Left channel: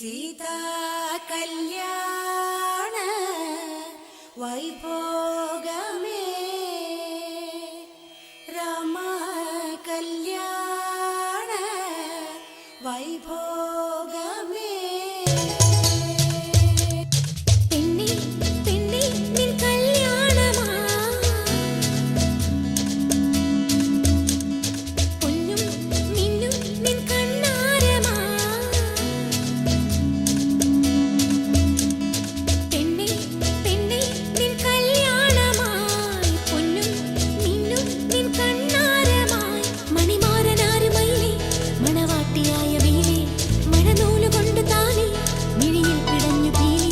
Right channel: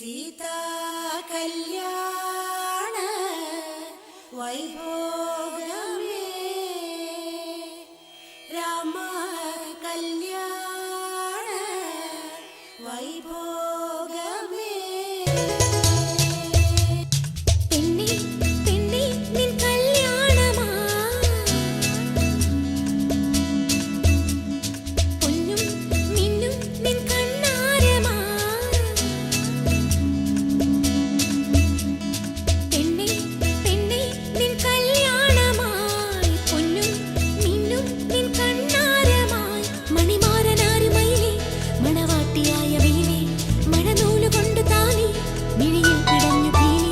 सीता कल्याण वैभोगमे राम कल्याण वैभोगमे पेन्ने पेन्ने निन कल्याणमा പൊന്നും മിന്നും നിൻ കണ്ണാരമാ പെണ്ണേ പെണ്ണേ നിൻ കല്യാണമായി പൊന്നും മിന്നും നിൻ കണ്ണാരമായി മണിമാരനാരുമയിലേ മണവാട്ടിയായ വീലേ മഴനൂലുകൊണ്ട് താലി മിഴിയിൽ പിടഞ്ഞു പീലി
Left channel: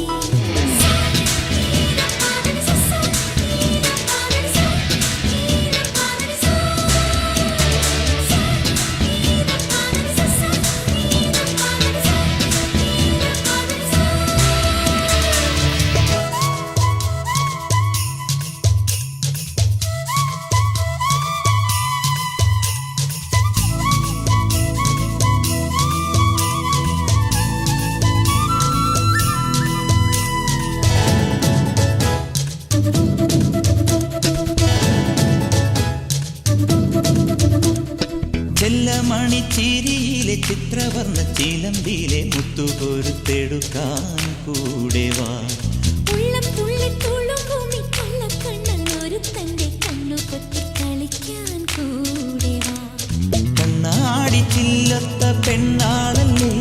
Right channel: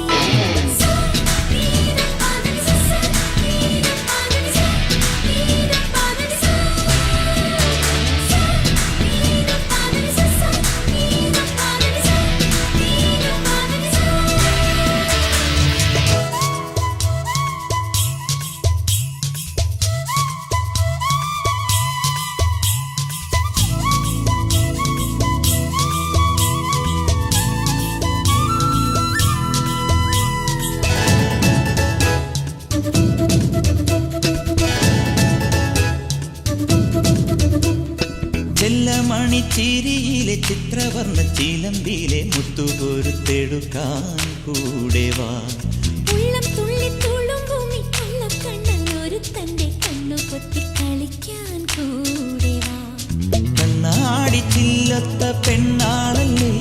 ചെല്ലമണിച്ചിരിയിലെ ചിത്രവർണ്ണ ചിലമ്പിലെ മുത്തുകൊരുത്തെടുക്കാൻ കൂടെ വാ. ഉള്ളം തുള്ളി തുളുമ്പുമി കൊള്ളക്കണ്ണൻ ഒരുത്തന്റെ കണ്ണു പൊത്തി കളിക്കാൻ കൂടെ വാ. കണ്ണാടി ചില്ലത്ത പെണ്ണാളല്ലേ